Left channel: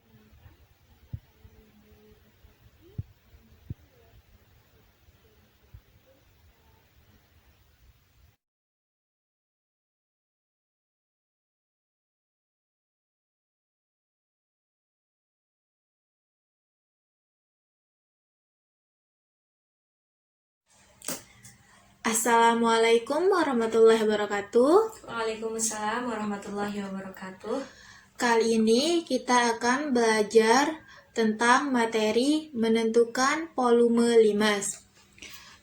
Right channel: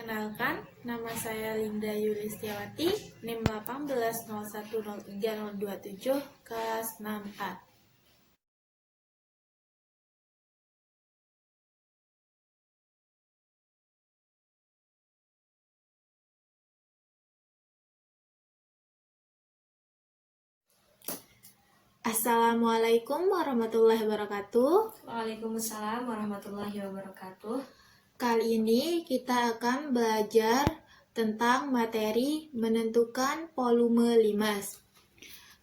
Perkenalkan, nama saya Linda Yulistiawati, NIM 18010327, kelas 6A. Assalamualaikum warahmatullahi wabarakatuh. Waalaikumsalam warahmatullahi wabarakatuh. Kali ini kita akan belajar tentang materi menentukan volume limas.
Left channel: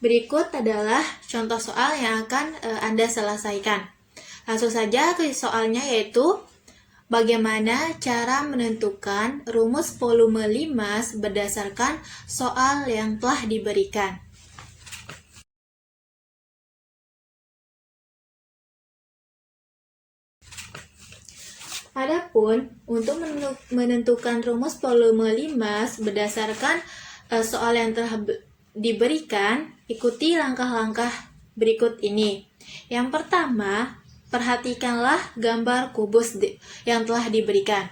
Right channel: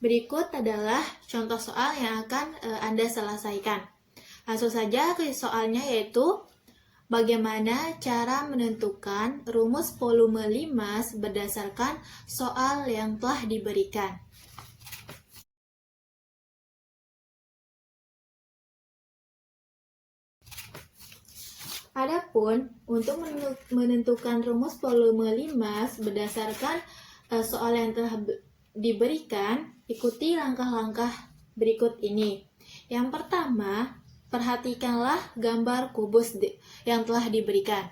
Berikut adalah contoh soal yang akan Anda selesaikan. Langsung saja ke soalnya, yaitu bagaimana cara menentukan rumus volume limas berdasarkan soal yang telah diberikan. Adapun untuk menentukan rumus volume limas berdasarkan soal yang telah diberikan, ikuti langkah-langkah berikut ini. Yang pertama, perhatikanlah gambar kubus yang telah diberikan.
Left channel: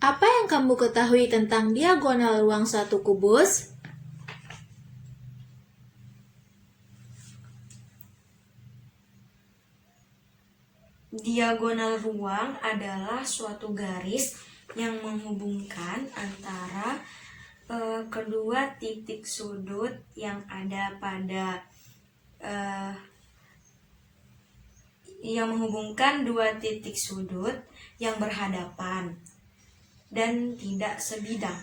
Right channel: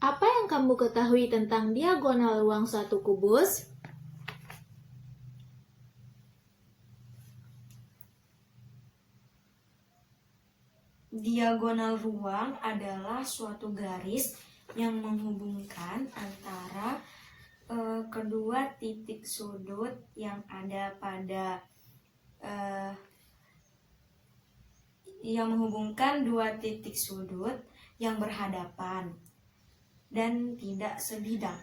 Apa yang kamu ketahui tentang diagonal ruang suatu kubus? Diagonal ruang adalah suatu garis yang menghubungkan antara kedua titik sudut yang ada pada yang menghubungkan dua titik sudut yang berhadapan dan tidak sebidang.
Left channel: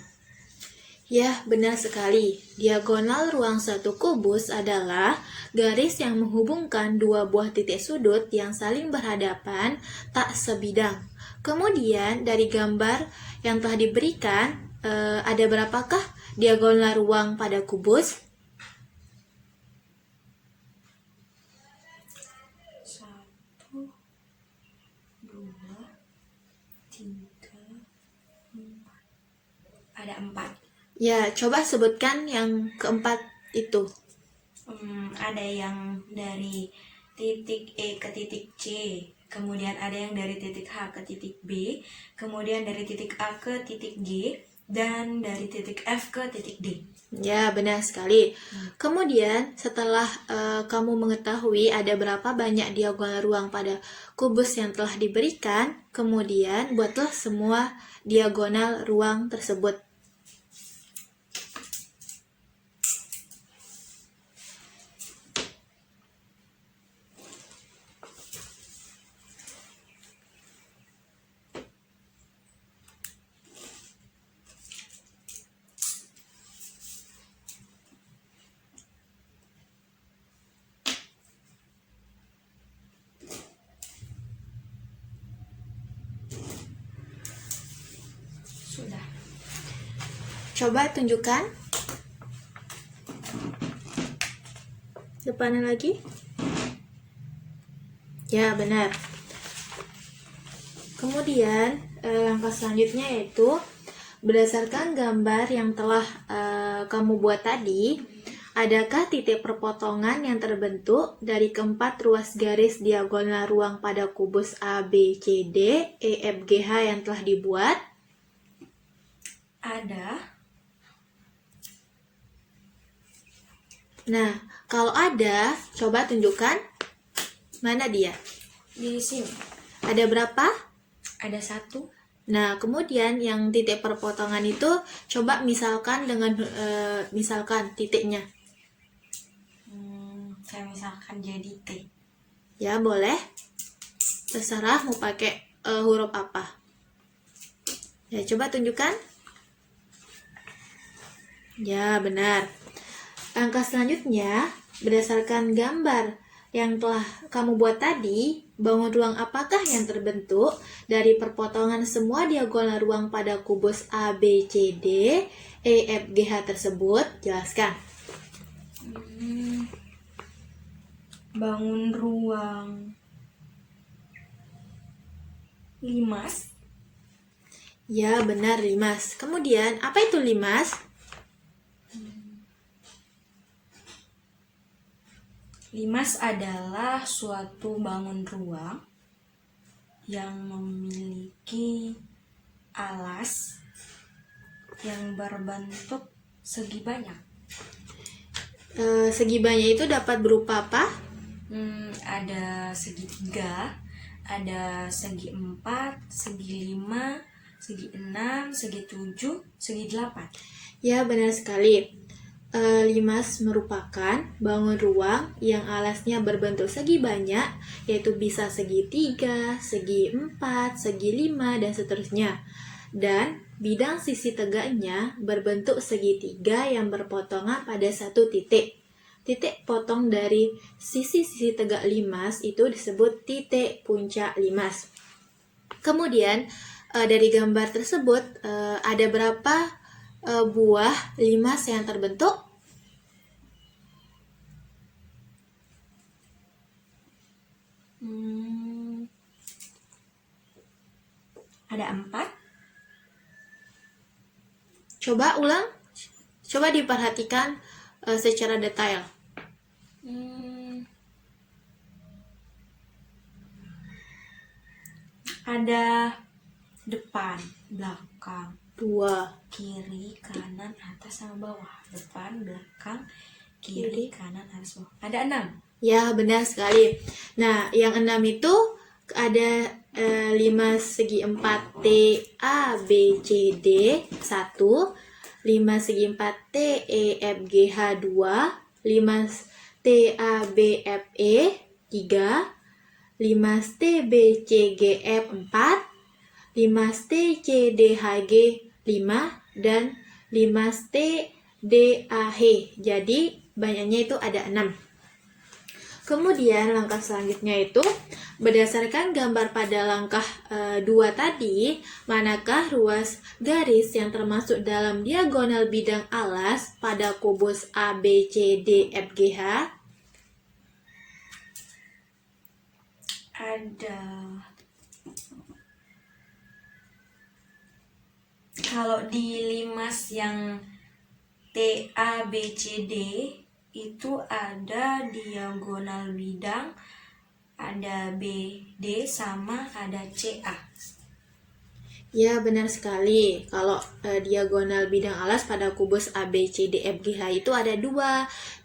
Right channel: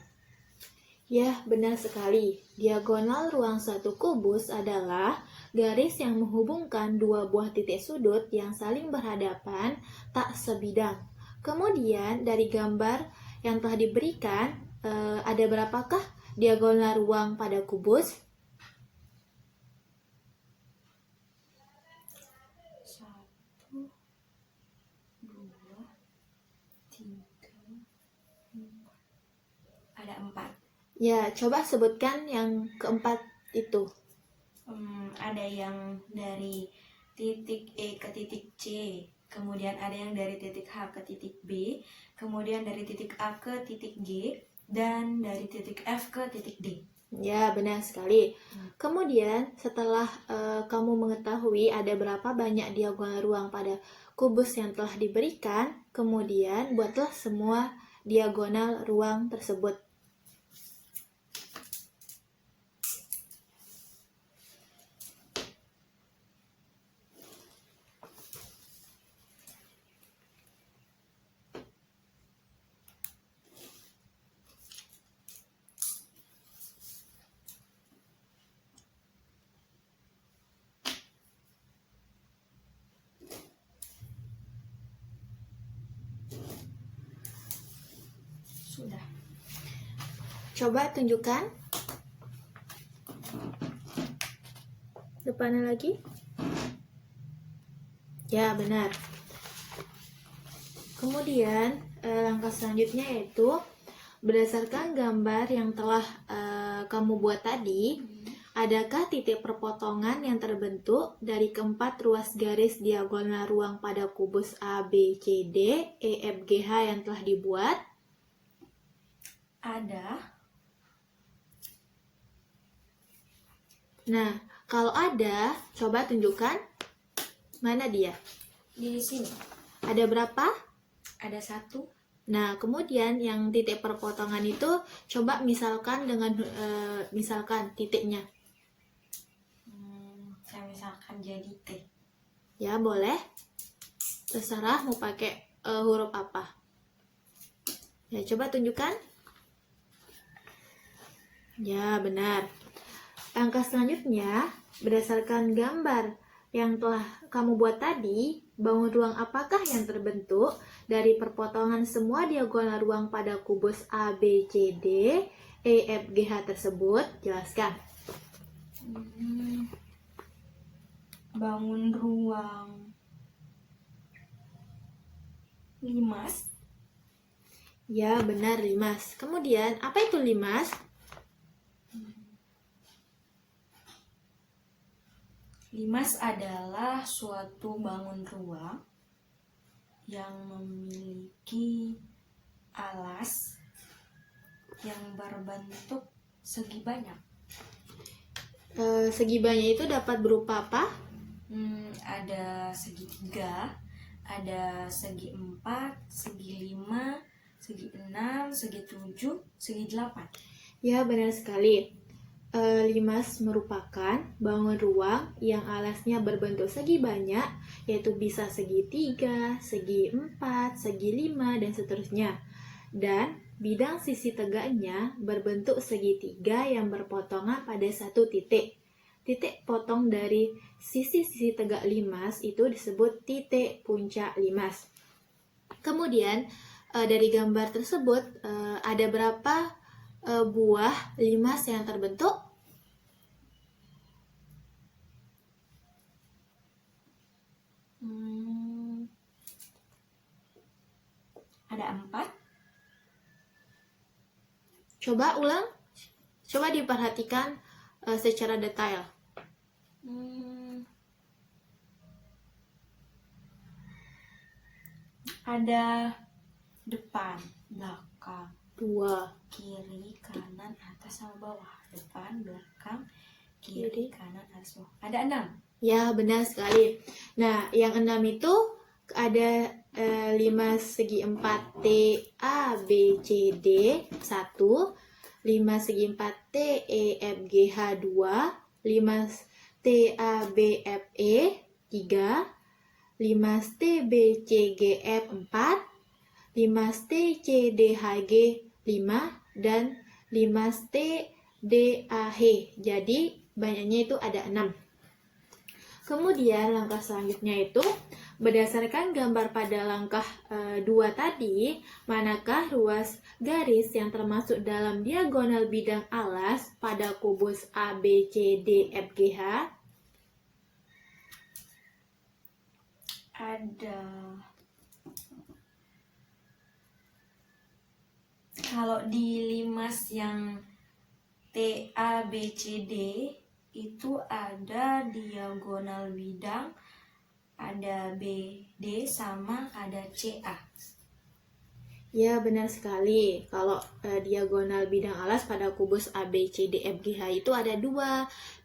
Ya, benar sekali. Diagonal ruang satu kubus adalah garis yang menghubungkan dua buah titik sudut yang saling berhadapan tak sebidang. Kemudian dari gambar yang telah diberikan, ada berapakah diagonal ruang pada kubus? 1, 2, 3, 4. Ada 4. Ya, coba sebutkan yang keempat itu. Ada yang dari titik E ke titik C, kemudian ada yang dari titik H ke titik B, kemudian dari titik A ke titik G, dan dari titik F ke titik D. Ya, benar sekali. Kemudian setelah kamu mengetahui ada berapa banyak diagonal ruang pada kubus yang telah diberikan, kemudian buatlah semua diagonal ruang tersebut. Sudah. Coba tunjukkan. Depannya lagi. Ya, benar. Kemudian langkah selanjutnya yaitu berdasarkan gambar yang telah kamu buat tadi, adakah titik perpotongan yang terbentuk dari keempat ruas garis diagonal ruang pada kubus A, B, C, D, E, F, G, H yang telah dibuat? Ada. Nah, kalau ada, coba tunjukkan. Mana dia? Di sini. Ada berapa? Ada 1. Nah, kemudian yang titik perpotongan itu coba misalkan dengan misalkan titiknya. Saya misalkan jadi T. Ya, boleh. Terserah mau pakai huruf apa. Ya, coba tunjukkan. Ya, benar. Langkah selanjutnya, berdasarkan gambar yang telah kamu buat tadi, bangun ruang apakah yang terbentuk dari perpotongan semua diagonal ruang pada kubus A, B, C, D, E, F, G, H tersebut? Jelaskan. Bangun ruang limas. Ya, benar, limas. Kemudian, apa itu limas? Limas adalah suatu bangun ruang yang memiliki alas yang berbentuk segi banyak. Segi banyak itu dapat berupa apa? Ada segitiga, ada segi 4, segi 5, segi 6, segi 7, segi 8. Ya, benar sekali. Limas merupakan bangun ruang yang alasnya berbentuk segi banyak, yaitu bisa segi 3, segi 4, segi 5, dan seterusnya. Dan bidang sisi tegaknya berbentuk segitiga yang berpotongan pada satu titik. Titik potong dari sisi-sisi tegak limas itu disebut titik puncak limas. Kemudian dari gambar tersebut ada berapa buah limas yang terbentuk? Ada 4. Coba ulang. Coba diperhatikan secara detail. Ada depan, belakang, 2. kiri, kanan, atas, sama bawah. Depan, belakang, kiri, kanan, atas, bawah. Ada 6. Ya, benar sekali. Nah, yang 6 itu ada 5 segi 4 T A B C D 1, 5 segi 4 T E F G H 2, 5 T A B F E 3, 5 T B C G F 4, 5 T C D H G 5, dan 5 T D A H. Jadi banyaknya itu ada 6. Kemudian langkah selanjutnya itu berdasarkan gambar pada langkah 2 tadi, manakah ruas garis yang termasuk dalam diagonal bidang alas pada kubus A, B, C, D, F, G, H? Ada. Kalau di limas yang T, A, B, C, D itu ada diagonal bidang, ada B, D, sama ada C, A. Ya, benar sekali. Kalau diagonal bidang alas pada kubus A, B, C, D, F, G, H itu ada 2,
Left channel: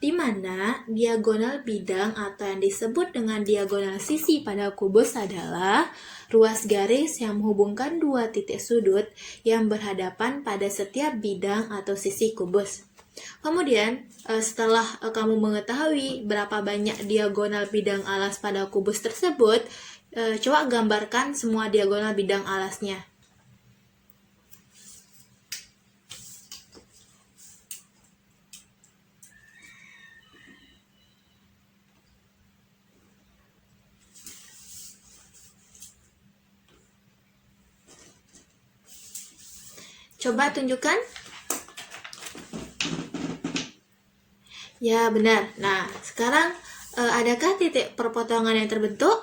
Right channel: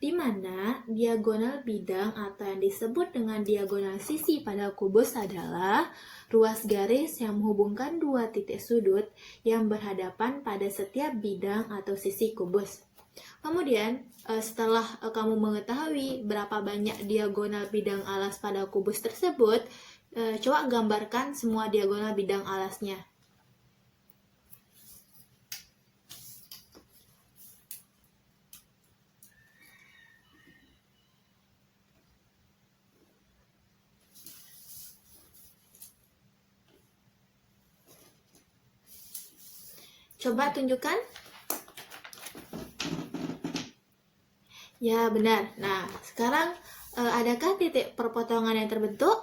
di mana diagonal bidang atau yang disebut dengan diagonal sisi pada kubus adalah ruas garis yang menghubungkan 2 titik sudut yang berhadapan pada setiap bidang atau sisi kubus. Kemudian, setelah kamu mengetahui berapa banyak diagonal bidang alas pada kubus tersebut, coba gambarkan semua diagonal bidang alasnya. Coba tunjukkan. Ya, benar. Nah, sekarang adakah titik perpotongan yang terbentuk?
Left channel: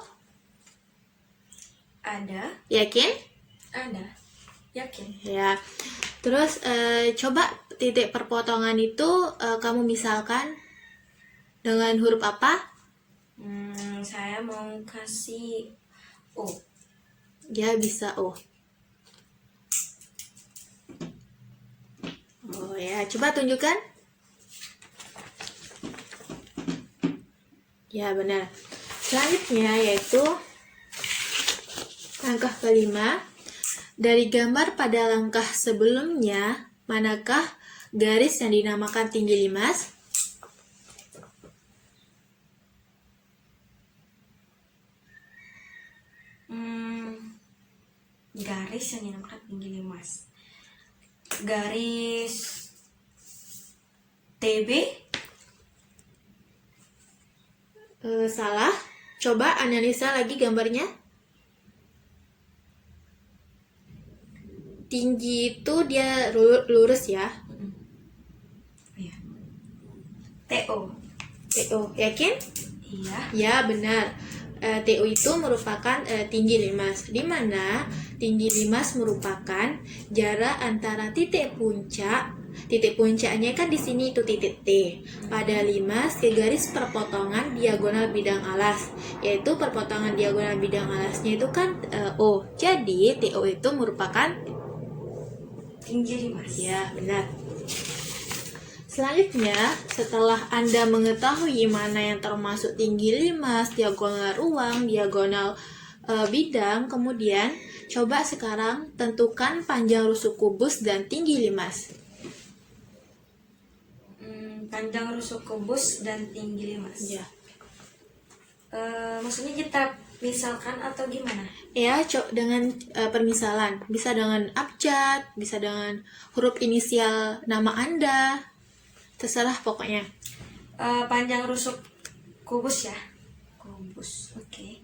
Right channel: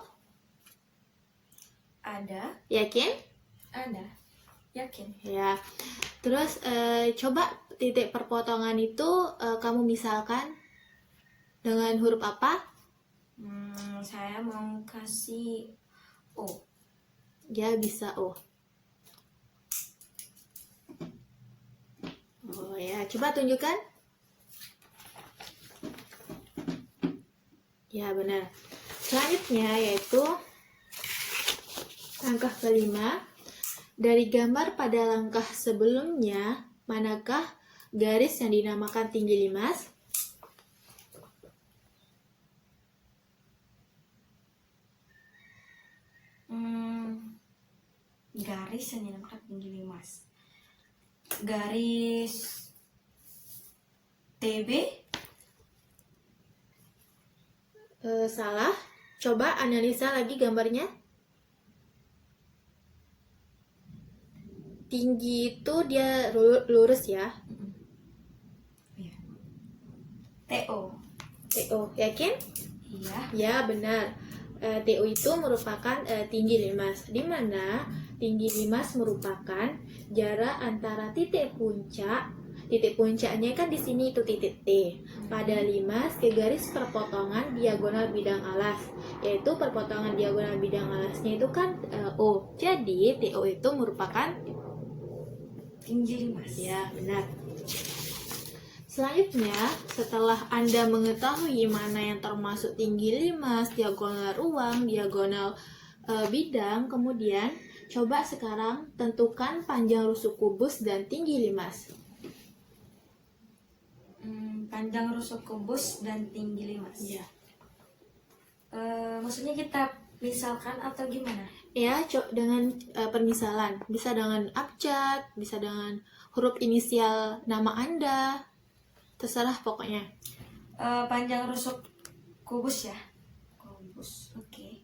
Ada. Yakin? Ada. Yakin. Ya. Terus coba titik perpotongan itu kamu misalkan dengan huruf apa? Saya mau kasih O. Ya, bisa O. Oh ya, coba tunjukkan. Ya, benar. Selanjutnya yaitu langkah kelima. Dari gambar pada langkah sebelumnya, manakah garis yang dinamakan tinggi limas? Garis yang dinamakan tinggi limas. Garis TB? Salah. Coba analisa lagi gambarnya. Tinggi itu dia lurus ya. Iya. TO. TO, yakin? Iya. Ya, benar. TO itu merupakan tinggi limas, di mana tinggi limas merupakan jarak antara titik puncak titik puncaknya kan di sini itu titik T. Pada limas ke garis perpotongan diagonal bidang alas, yaitu perpotongan diagonal bidang alasnya itu kan O. Jadi TO itu merupakan tinggi limas. ya benar. Selanjutnya, setelah Anda mengetahui mana yang termasuk tinggi limas, diagonal ruang, diagonal bidang, kemudian coba sekarang tentukan panjang rusuk kubus dan tinggi limas. Panjang rusuk kubus dan tinggi limas. Ya. Maksudnya kita misalkan atau gimana? Ya, dengan permisalan, bisa dengan abjad, bisa dengan huruf inisial nama Anda, terserah pokoknya. Panjang rusuk kubus ya. Kubus, oke.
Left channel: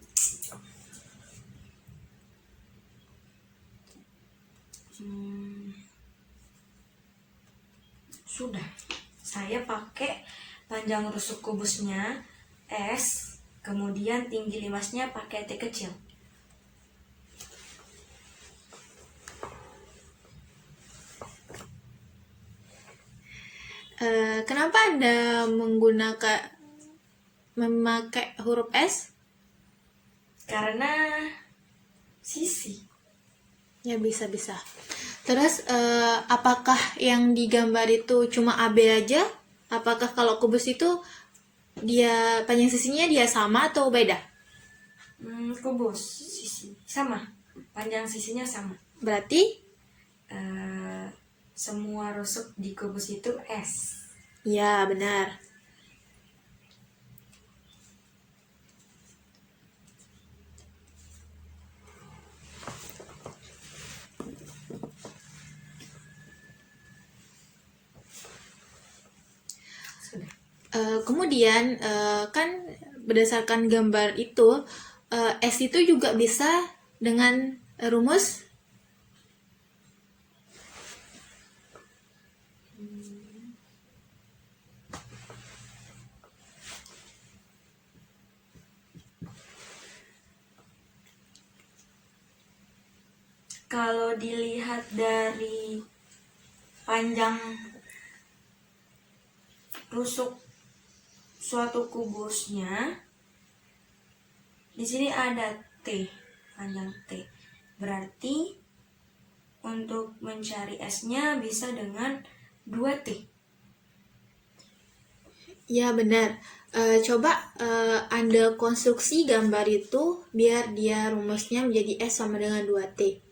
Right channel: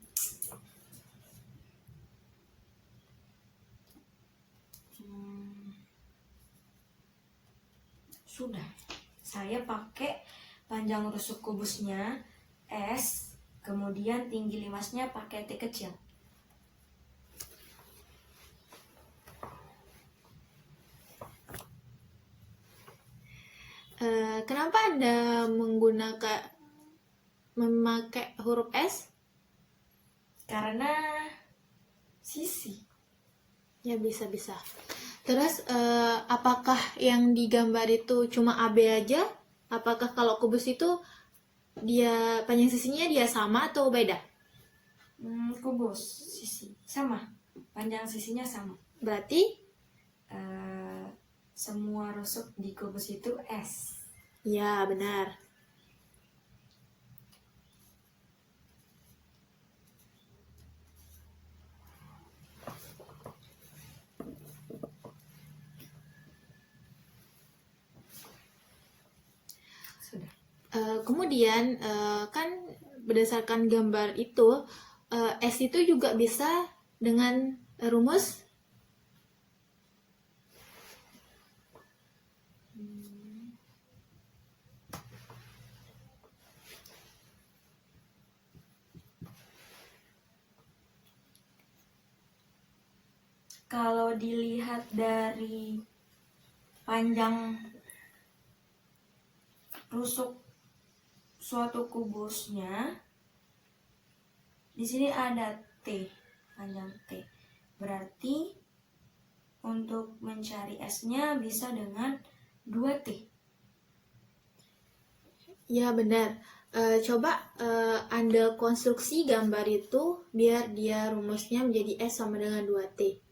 Sudah. Saya pakai panjang rusuk kubusnya S, kemudian tinggi limasnya pakai T kecil. Kenapa Anda memakai huruf S? Karena sisi. Ya, bisa-bisa. Terus apakah yang digambar itu cuma AB aja? Apakah kalau kubus itu dia panjang sisinya dia sama atau beda? Kubus sisi sama, panjang sisinya sama. Berarti semua rusuk di kubus itu S. ya benar. Sudah. Kemudian kan berdasarkan gambar itu S itu juga bisa dengan rumus Kalau dilihat dari panjang rusuk suatu kubusnya, di sini ada T, panjang T. Berarti untuk mencari S-nya bisa dengan 2T. ya benar. Coba Anda konstruksi gambar itu biar dia rumusnya menjadi S sama dengan 2T.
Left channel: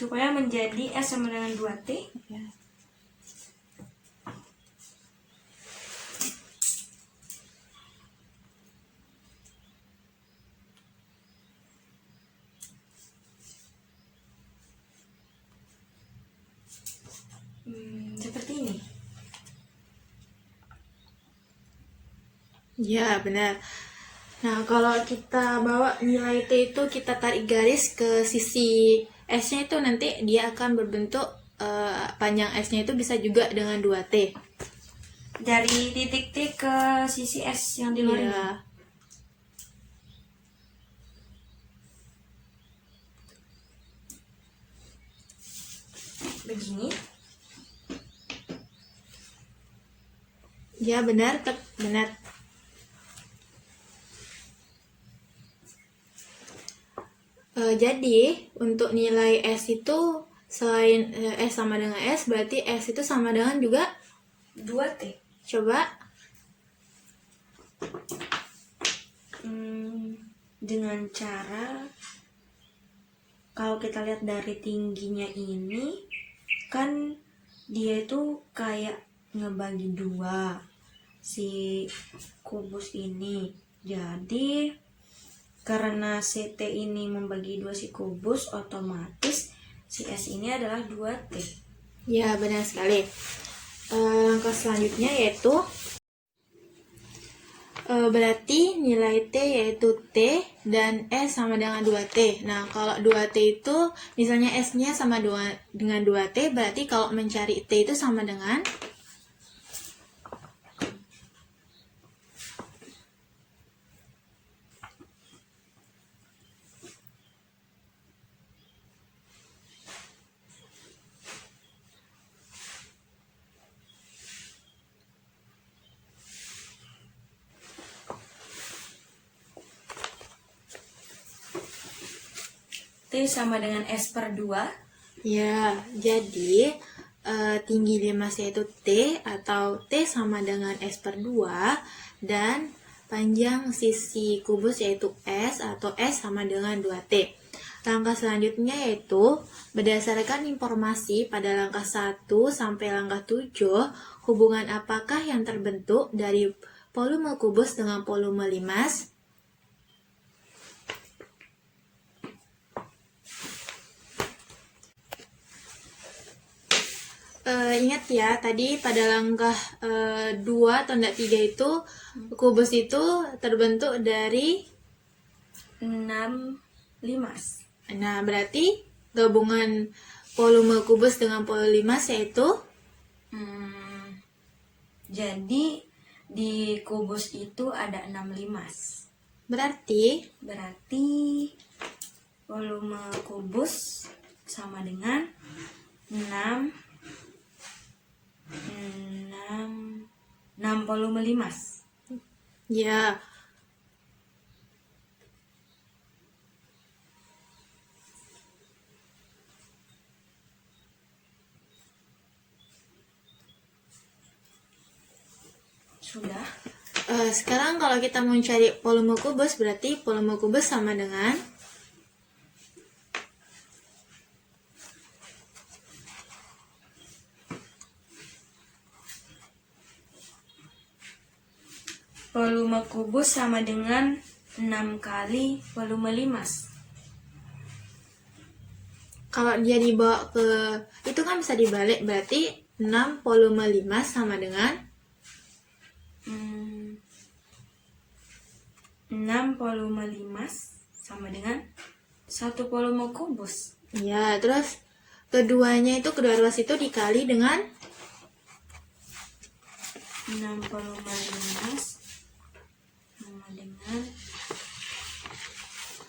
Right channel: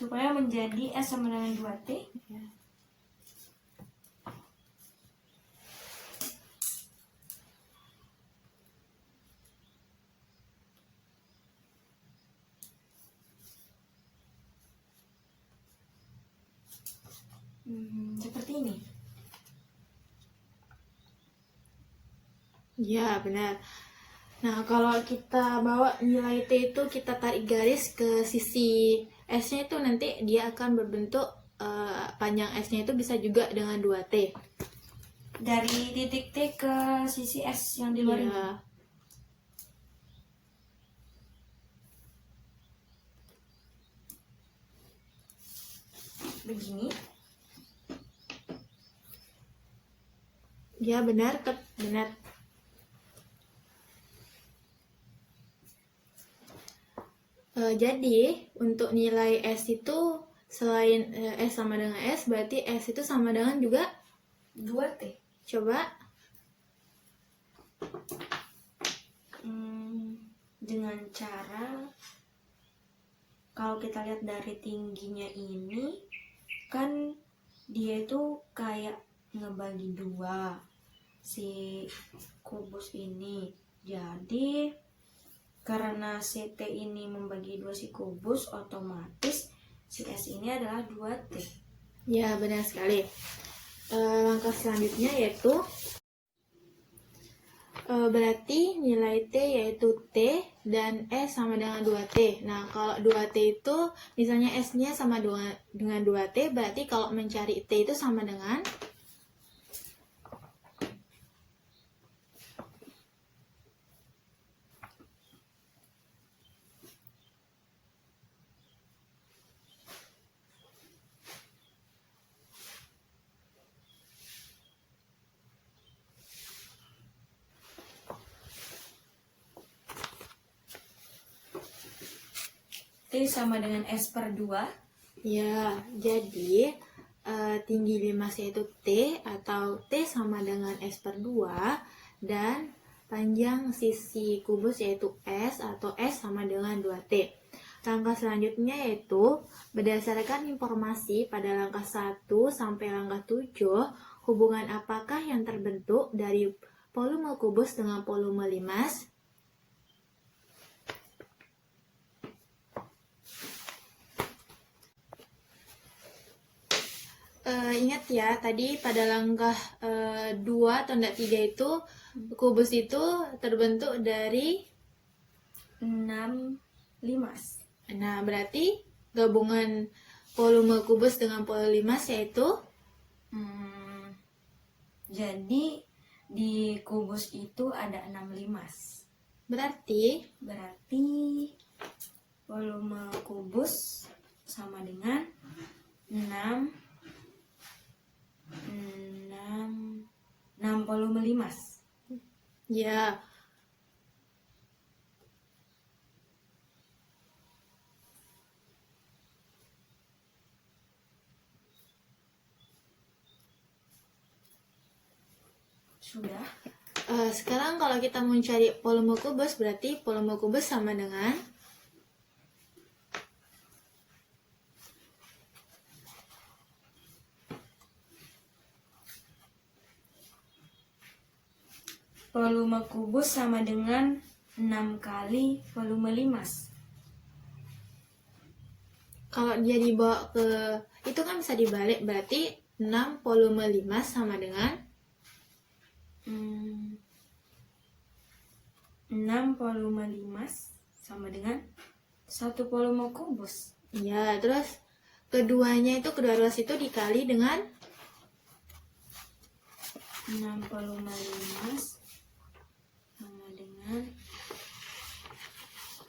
Supaya menjadi S sama dengan 2T, Ya. seperti ini. Ya, benar. Nah, kalau kita bawa nilai T itu kita tarik garis ke sisi S-nya itu nanti dia akan berbentuk panjang S-nya itu bisa juga dengan 2T. Dari titik T ke sisi S yang di luar ini. Ya. Begini. Ya, benar, benar. Jadi, untuk nilai S itu selain S sama dengan S, berarti S itu sama dengan juga 2T. coba Dengan cara, kalau kita lihat dari tingginya ini, kan dia itu kayak ngebagi dua si kubus ini. Jadi karena CT ini membagi dua si kubus, otomatis si S ini adalah 2T. ya, benar sekali. Langkah selanjutnya yaitu Berarti nilai T yaitu T dan S sama dengan 2T. Nah, kalau 2T itu misalnya S-nya sama dengan 2T, berarti kalau mencari T itu sama dengan T sama dengan S per 2. ya, jadi tinggi limas yaitu T atau T sama dengan S per 2 dan panjang sisi kubus yaitu S atau S sama dengan 2T. Langkah selanjutnya yaitu berdasarkan informasi pada langkah 1 sampai langkah 7, hubungan apakah yang terbentuk dari volume kubus dengan volume limas? Ingat ya, tadi pada langkah 2 tanda 3 itu kubus itu terbentuk dari 6 limas. Nah, berarti gabungan volume kubus dengan volume limas yaitu Jadi di kubus itu ada 6 limas. berarti Volume kubus sama dengan 6 volume limas. ya Sudah. Sekarang kalau kita mau cari volume kubus, berarti volume kubus sama dengan Volume kubus sama dengan 6 kali volume limas. kalau dia dibawa ke itu kan bisa dibalik, berarti 6 volume limas sama dengan 6 volume limas sama dengan 1 volume kubus. ya, terus keduanya itu kedua ruas itu dikali dengan 6 volume limas sama dengan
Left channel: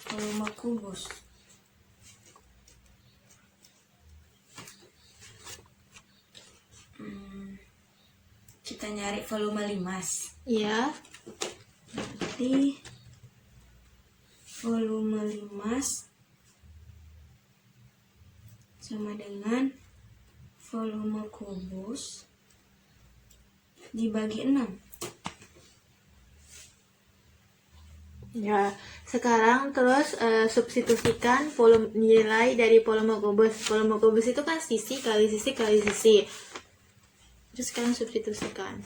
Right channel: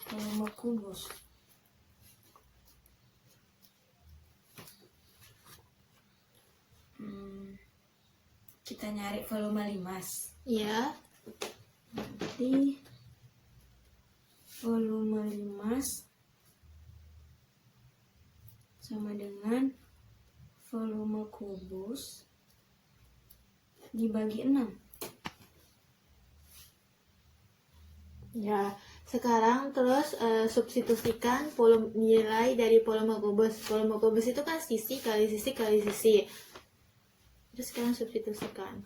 volume kubus. Kita nyari volume limas. ya Jadi volume limas sama dengan volume kubus dibagi 6. Ya, sekarang terus substitusikan volume nilai dari volume kubus. Volume kubus itu kan sisi kali sisi kali sisi. Terus sekarang substitusikan.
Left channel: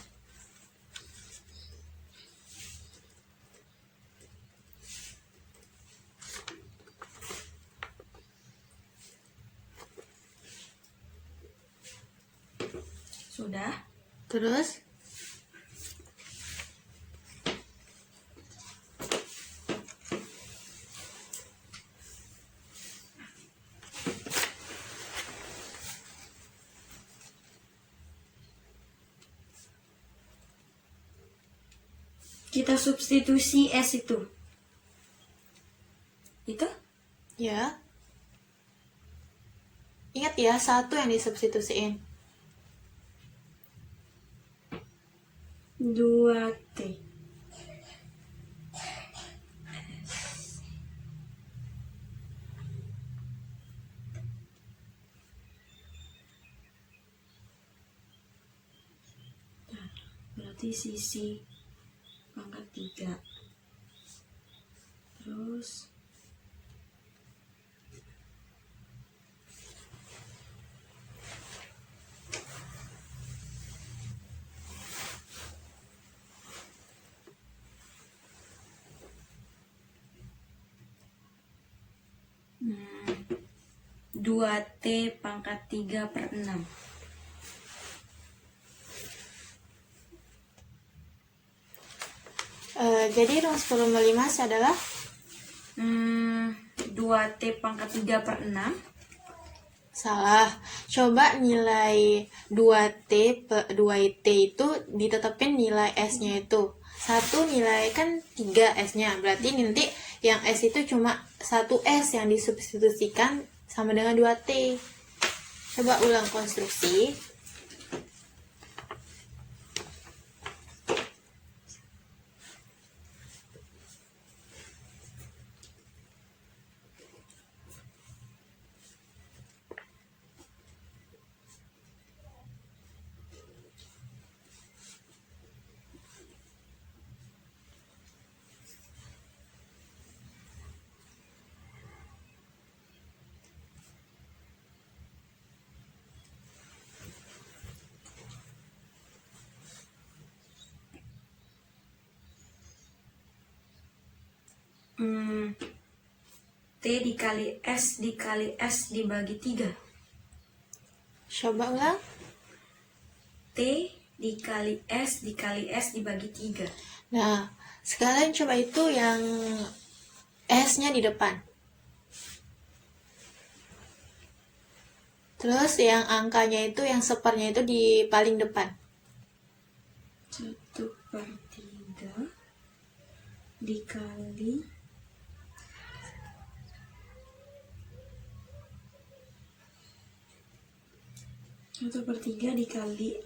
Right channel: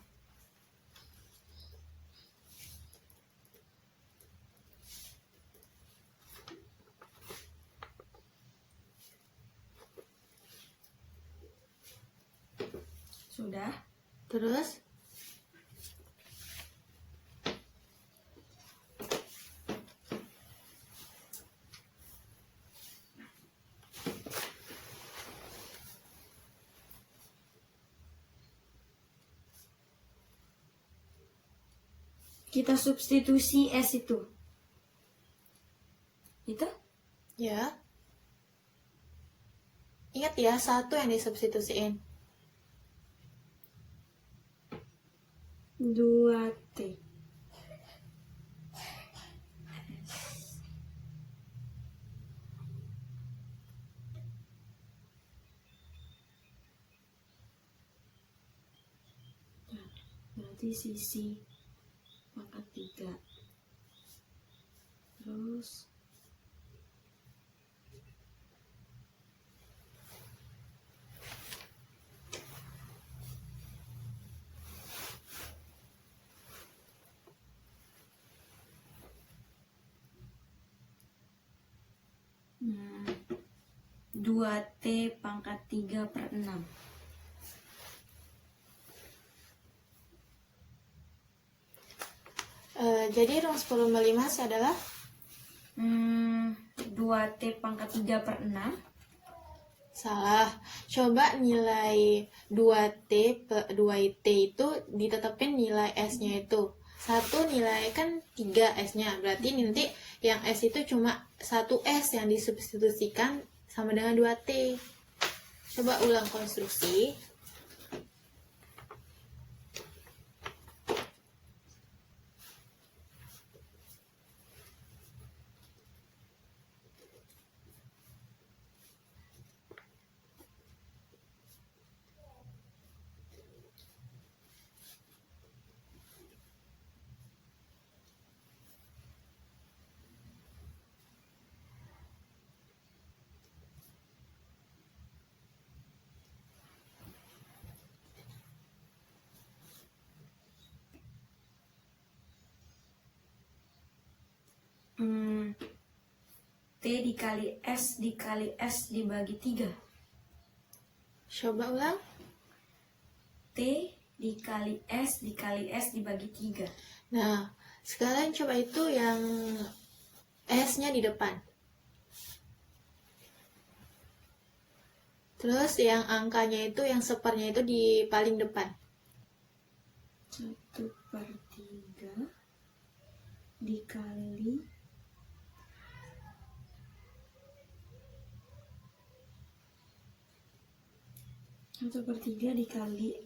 Sudah. Terus Kita substitusi S itu. Itu? ya. Ingat ya, satu yang disubstitusiin. 2T. Berarti sisi pangkat 3. Terus hmm, 2T pangkat 3/6. jadi rumus volume limas adalah 2T pangkat 3/6. salah. Coba nilai 2T itu ditetapin nilai S-nya itu. 1 nilai kan 3 S-nya. Berarti nanti yang S itu cuma 1 S yang disubstitusikan sama dengan 2T. Coba ulang konstruksi. T dikali S dibagi 3. Coba ulang. T dikali S dibagi 3. Nah, sekarang coba itu yang S-nya di depan. Terus yang angkanya itu, yang sepernya itu di paling depan. 1/3 dikali 1/3 dikali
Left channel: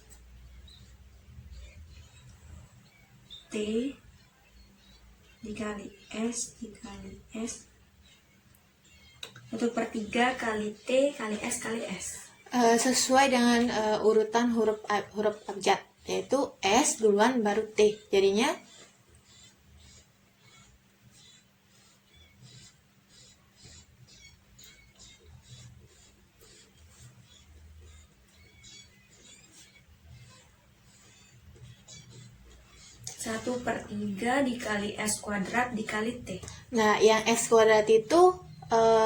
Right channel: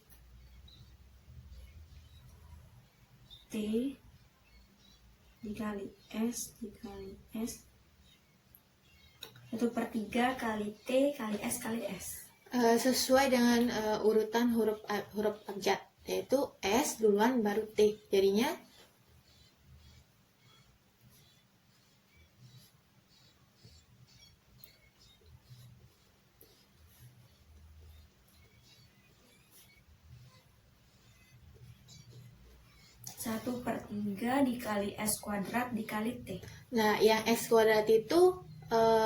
T dikali S 1/3 kali T kali S kali S. Sesuai dengan urutan huruf abjad, yaitu S duluan baru T. Jadinya Satu per 3 dikali S kuadrat dikali T. nah, yang S kuadrat itu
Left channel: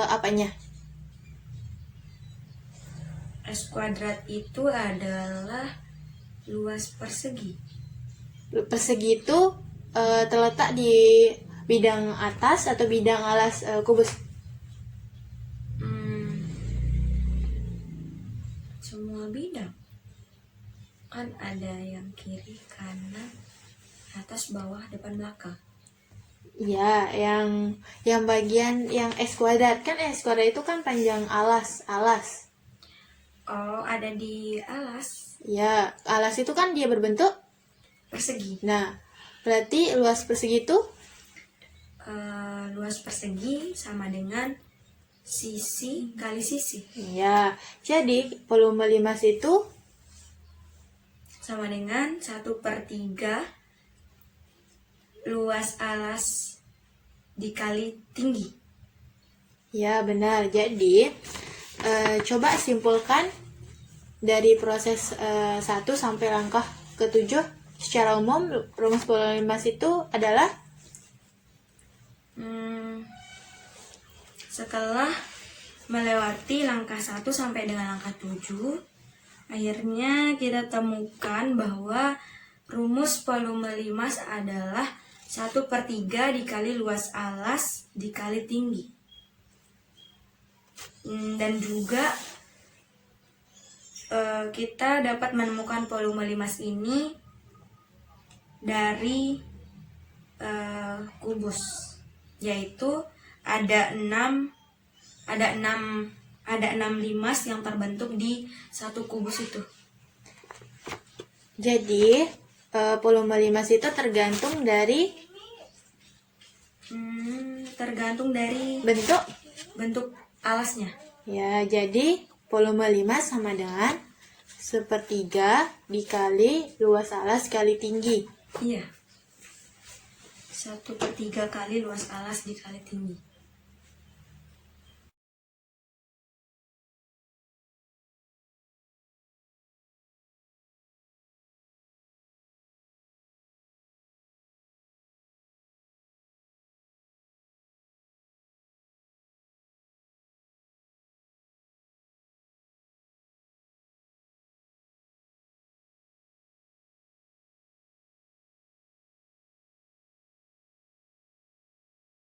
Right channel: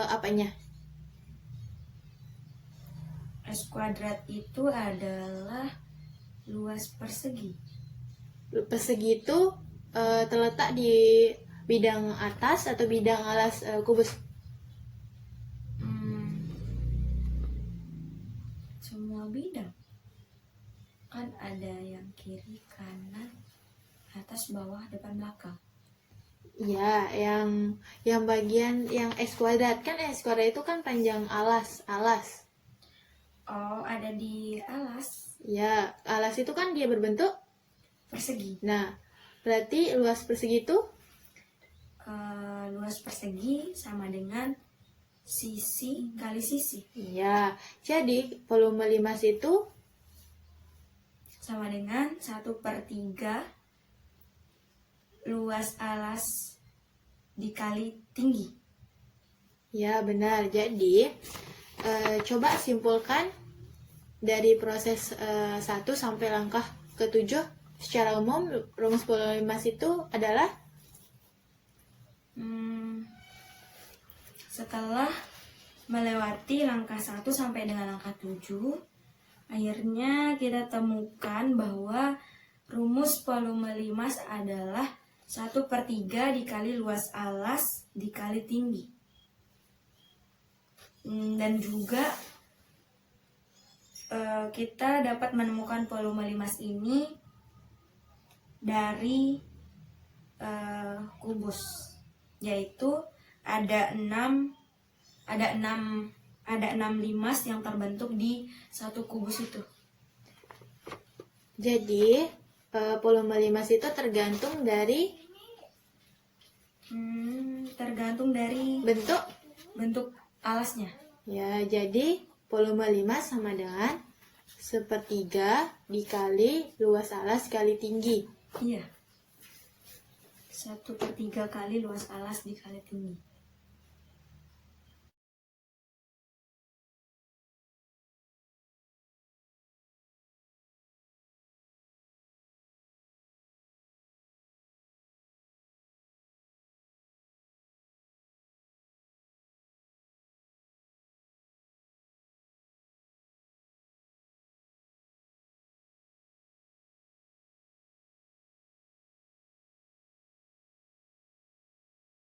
apanya? S kuadrat itu adalah luas persegi. Persegi itu terletak di bidang atas atau bidang alas kubus? Semua bidang. Kan ada yang kiri, kanan, atas, bawah, depan, belakang. Ya, yang bagian yang S kuadrat, kan S kuadrat itu kan panjang alas. Oh, ada di alas Ya, alas itu kan dia berbentuk. persegi. Nah, berarti luas persegi itu Luas persegi sama dengan sisi kali sisi. ya. Jadi volume limas itu Sama dengan 1/3 luas alas dikali tinggi. ya benar. Jadi coba simpulkan dari proses 1 sampai langkah ke-7. Secara umum rumus volume limas itu adalah Setelah melewati langkah 1 sampai dengan langkah 7, akhirnya kita temukan bahwa rumus volume limas adalah 1/3 dikali luas alas dikali tinggi. Dan juga kita dapat menemukan volume limas ini dari kubus, yaitu ada 6 limas yang terbentuk di satu kubus itu. jadi volume limas itu tergantung dari bentuk. Alasnya. Ya, jadi volume limas sama dengan 1/3 dikali luas alas kali tinggi. Iya. 1/3 kali luas alas dikali tinggi.